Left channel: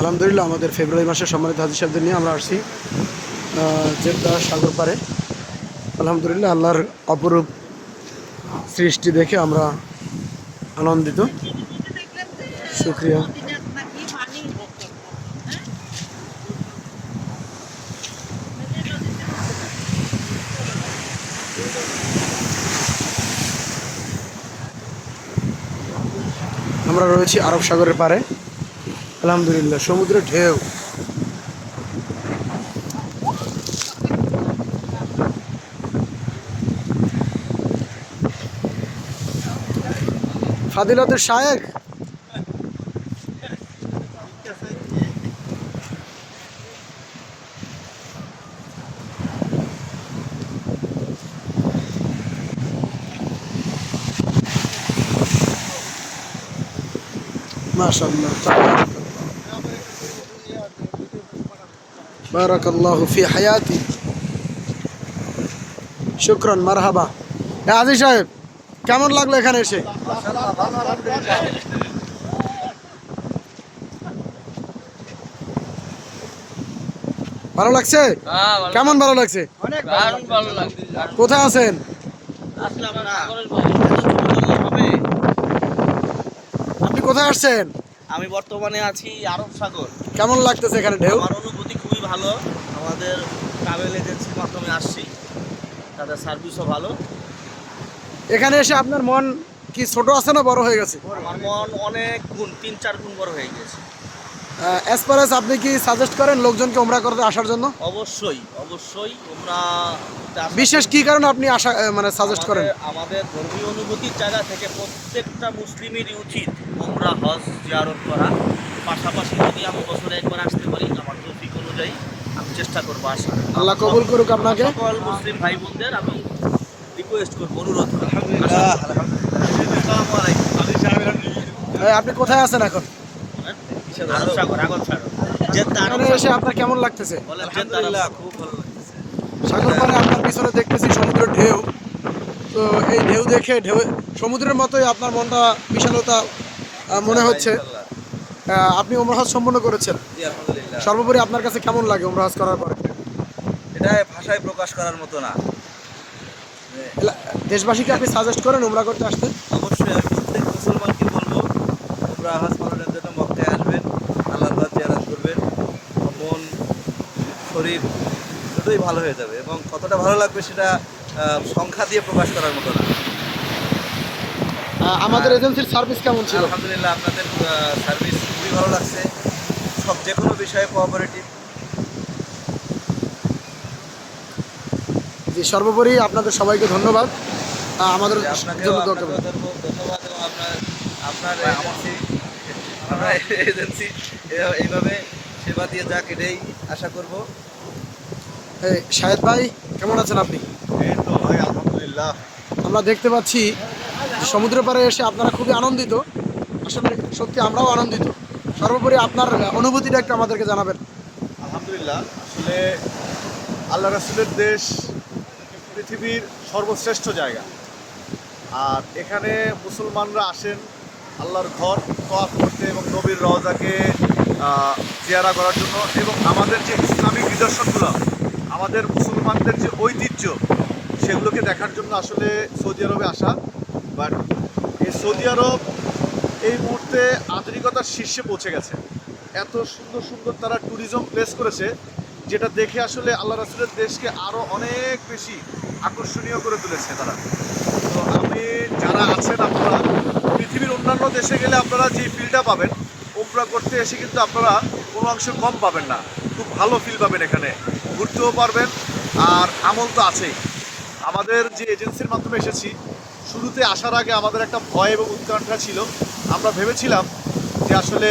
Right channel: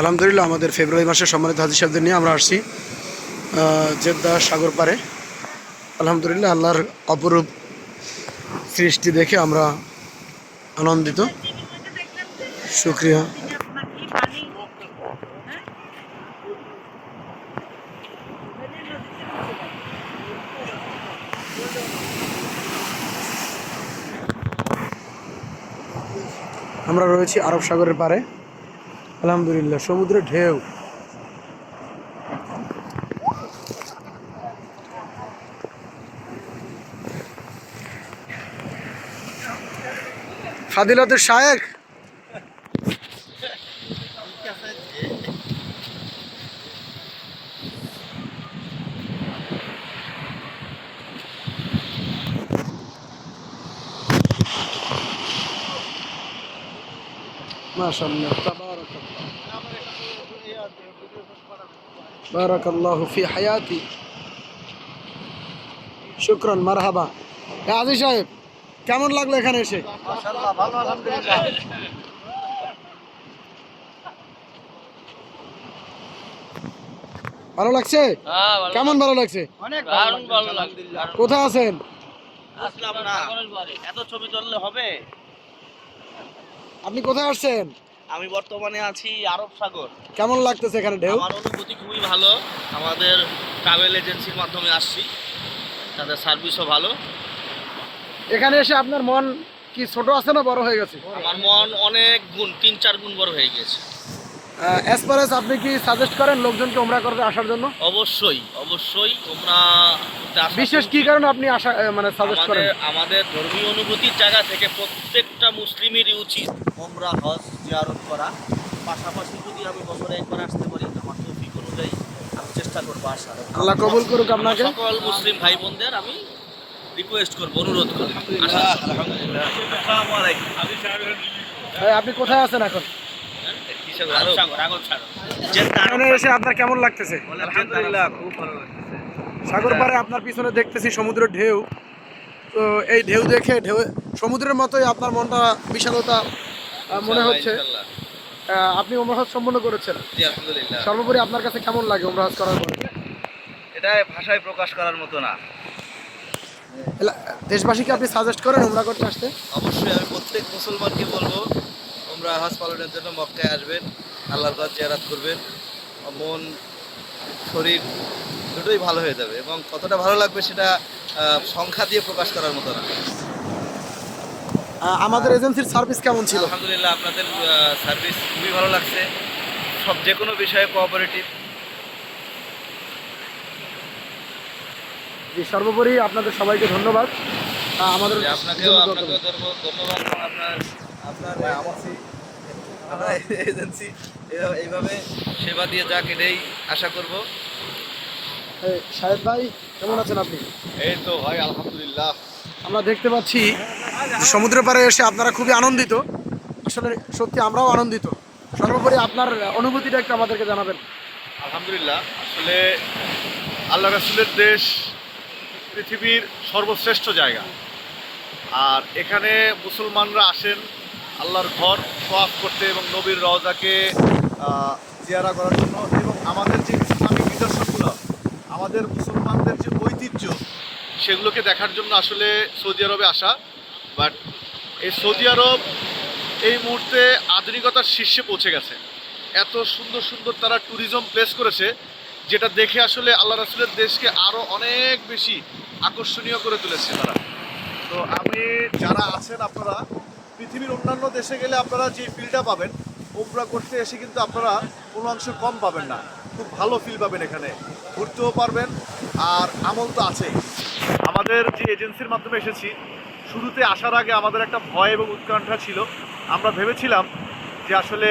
আলহামদুলিল্লাহ, আমাদের ফেব্রুয়ারি মাসে সম্মানিত হাজি সাহেবদের নিয়ে আমরা আসছি জেদ্দা সাগর পাড়ে। আলহামদুলিল্লাহ, আল্লাহর অপরূপ সৃষ্টি দেখে আমরা আনন্দিত। শুক্রিয়া। আমরা রয়েছি আরব সাগরের পারে আলহামদুলিল্লাহ সমুদ্রের ঢেউ। ফাদিলতের শায়েক মাশাআল্লাহ بارك الله في حياتي শুক্রান মারহাবা হ্যাঁ আজি সাহেব কেমন লাগলো এখানে এসে ভালো লাগছে হ্যাঁ, কেমন ভালো লাগছে দারুণ ভালো লাগছে কোথায় আছেন আসলে আমরা সাগরের বৈশিষ্ট্য তো ছোট জল হবে আপনি কোথায় আসছেন আমি বর্তমানে আছি আরব সাগর কেমন লাগতেছে এখানে ঢেউ আমার অনুভূতি খুবই ভালো। আমাদের ট্রাভেল এজেন্সির মাধ্যমে আসছি। তাদের সার্ভিসও ভালো। এখানে এসে আপনার মন কি ছোট আছে না বড় হয়ে গেছে? আমার মন অনেক গুণ তিন চার গুণ বড় হয়ে গিয়েছে। অ্যাজ পার এস আপনি কি সাজেস্ট করেন লোকজনকে ওমরা করতে আসার জন্য? অবশ্যই অবশ্যই ওমরা করতে বিশেষ কি কারণে আপনি আসা আহ, মানে সাজেস্ট করেন? আমাদের আমাদের ধর্মীয় অনুভূতির জায়গা থেকে প্রত্যেকটা মুসলিমেরই উচিত ওমরা হজ জিয়ারত করা। পাশাপাশি যদি আমি বছরে একবার আসতে পারি আমার তৌফিক অনুযায়ী আমি চেষ্টা করব আসার। আল্লাহ কবুল করুক আপনাকে। সকল মুসলিম ভাই বোনদের আমি রিকোয়েস্ট করব অনুরোধ করব আপনি কোথায় আছেন এখন? এসে আপনার কেমন লাগতেছে? আলহামদুলিল্লাহ খুব ভালো লাগতেছে। সাগর পাড়ে আপনার পিছনে দেখতেছি সমুদ্রের ঢেউ। তো এই ঢেউ দেখে ঢেউ সমুদ্রের মতোই আপনার মনটা বিশালতা মনে হচ্ছে। আপনি ওমরাহাজ সম্পন্ন করেছেন? জি আলহামদুলিল্লাহ। সর্বোপরি আপনার কাছে কেমন লাগে ওমরাহাজ করার পরে? এটা ভাষায় প্রকাশ করার মতো না। দেশবাসীকে আপনি সাজেস্ট করেন ওমরা করতে আসতে? অবশ্যই আমি প্রত্যেক মুসলমানকে বলব তোমরা হাজ পালনের জন্য মক্কায় আসবেন আল্লাহর ঘর জিয়ারাত করবেন। মন শরীর দুটোই ভালো হয়ে যাবে এবং কতটা ভালো লাগবে সেটা সংখ্যা দিয়ে প্রকাশ করার মতো না। আমাদের এজেন্সির সার্ভিস কেমন ছিল? আলহামদুলিল্লাহ আপনাদের সার্ভিস খুবই ভালো লাগছে। সব যে কোনো বিষয়ে কোঅপারেটিভ জি সর্বোপরি আপনাদের সবাইকে ধন্যবাদ। আমাদের আপনাকেও জন্য আপনাকেও ধন্যবাদ। এবং আপনার আপনার এজেন্সি আপনার এজেন্সি এইভাবে সেবা দিয়ে যাক এটাই আশা করব। শাহেদ ভাই কেমন আছেন আপনি? এই তো ভাই আলহামদুলিল্লাহ। আমরা দেখতে পাচ্ছি যে সমুদ্রের পাড়ে এসে আপনারা খুবই আনন্দিত। আসলে সত্যি আমরাও আনন্দিত। সর্বোপরি আপনার অনুভূতিটা একটু আমাদেরকে জানাবেন। আলহামদুলিল্লাহ আসলে আল্লাহ রাসুলের দেশ পৃথিবীর সর্বশ্রেষ্ঠ জায়গা। আর এখানে মুসলমানরা আসেন আল্লাহর ঘর তোয়াফ করতে এবং নবীর রওজাকে আহ, জিয়ারা করার জন্য এবং আমাদের যে ইসলামিক নিদর্শনগুলো আমাদের মুসলমানদের যে ঐতিহ্য সেগুলোকে দেখার জন্য আসলে সৌদি আরবে আসা বাট এই সৌদি আরব এই মুহূর্তে আধুনিকতার শীর্ষে পৌঁছে গেছে। এত সুন্দর সুন্দর তারা ট্যুরিজম প্লেস করেছে, যেটা দেখে আসলে আল্লাহ রাসুলের দেশকে আরও অনেক বেশি আকর্ষণীয় করে তুলেছে তারা। তো আমি, যারা আছেন আপনারা, পৃথিবীর অন্যান্য দেশে গেলে আপনারা যে ফিলটা পাবেন ওমরা করতে এসে কিন্তু আপনারা কোনো অংশ কম পাবেন না। খুব ভালো ফিল পাবেন এখানে। ঘুরতেও পারবেন, আর আমল তো আছেই। আমাদের যে এজেন্সির মাধ্যমে এসেছি শুরুতে আসার আগে আমাদের একটা ভয় এবং উৎকণ্ঠা ছিল। আমরা ভেবেছিলাম যে আসলে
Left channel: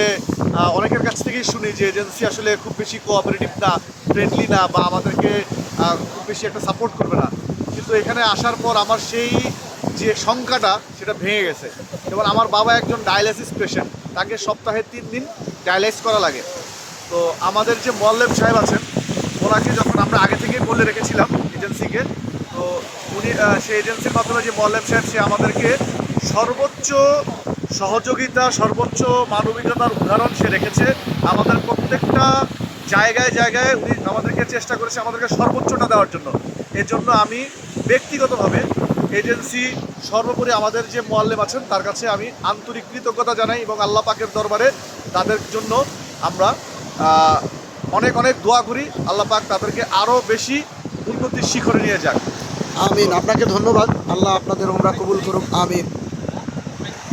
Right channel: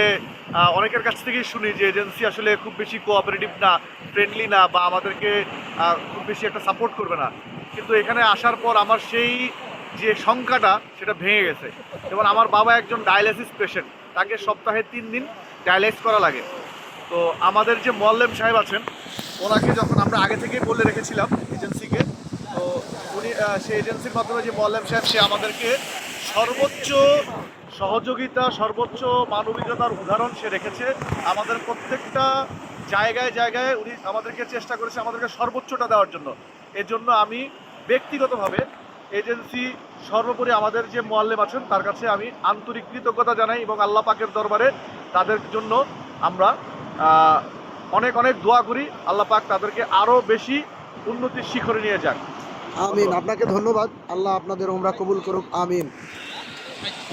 অনেকের কাছ থেকেই শুনি যে এজেন্সি আসলে খুব বেশি কোঅপারেটিভ না ফ্রেন্ডলি না বা আমাদেরকে খুব বেশি একটা সাপোর্ট করবে না। কিন্তু এখানে আসার পর আমার সেই যে সংখ্যাটা সেটা ভেঙে গেছে। যেমন আমার বাবা একজন ডায়ালিসিস পেশেন্ট তাকে সপ্তাহে তিন দিন ডায়ালাইস করা লাগে। তো আমাদের যে মোয়াল্লেম সাহেব আছেন, ওনাকে যখন আমরা আগে থেকেই বলে রেখেছিলাম এজেন্সিকে তো উনি সেই এজেন্সির মাধ্যমে যে মোয়াল্লেম সাহেব, সে আমাদেরকে সর্বোচ্চ সহযোগিতা, সর্বোচ্চ মানবিকতার উদাহরণ সে রেখেছে। আমাদের প্রত্যেকটা জায়গায় জায়গায় উনি আমাদেরকে চেষ্টা করেছে আমাদেরকে সর্বোচ্চটা দেওয়ার জন্য। এর জন্য আমি ব্যক্তিগতভাবে এজেন্সি সর্বোপরি আমাদের যে মোয়াল্লেম আছেন, তার কাছে আমি আন্তরিক কৃতজ্ঞতা জানাই এবং আল্লাহ পাকের দরবারে তাদের জন্য আমরা অনেক অনেক দোয়া করি। আল্লাহ পাক তাদেরকে আরও বেশি উন্নতির শিখরে নিয়ে যাক। আমিন। আপনাকে ধন্যবাদ। আল্লাহ আপনাদের ওমরা কবুল করুক। আমিন।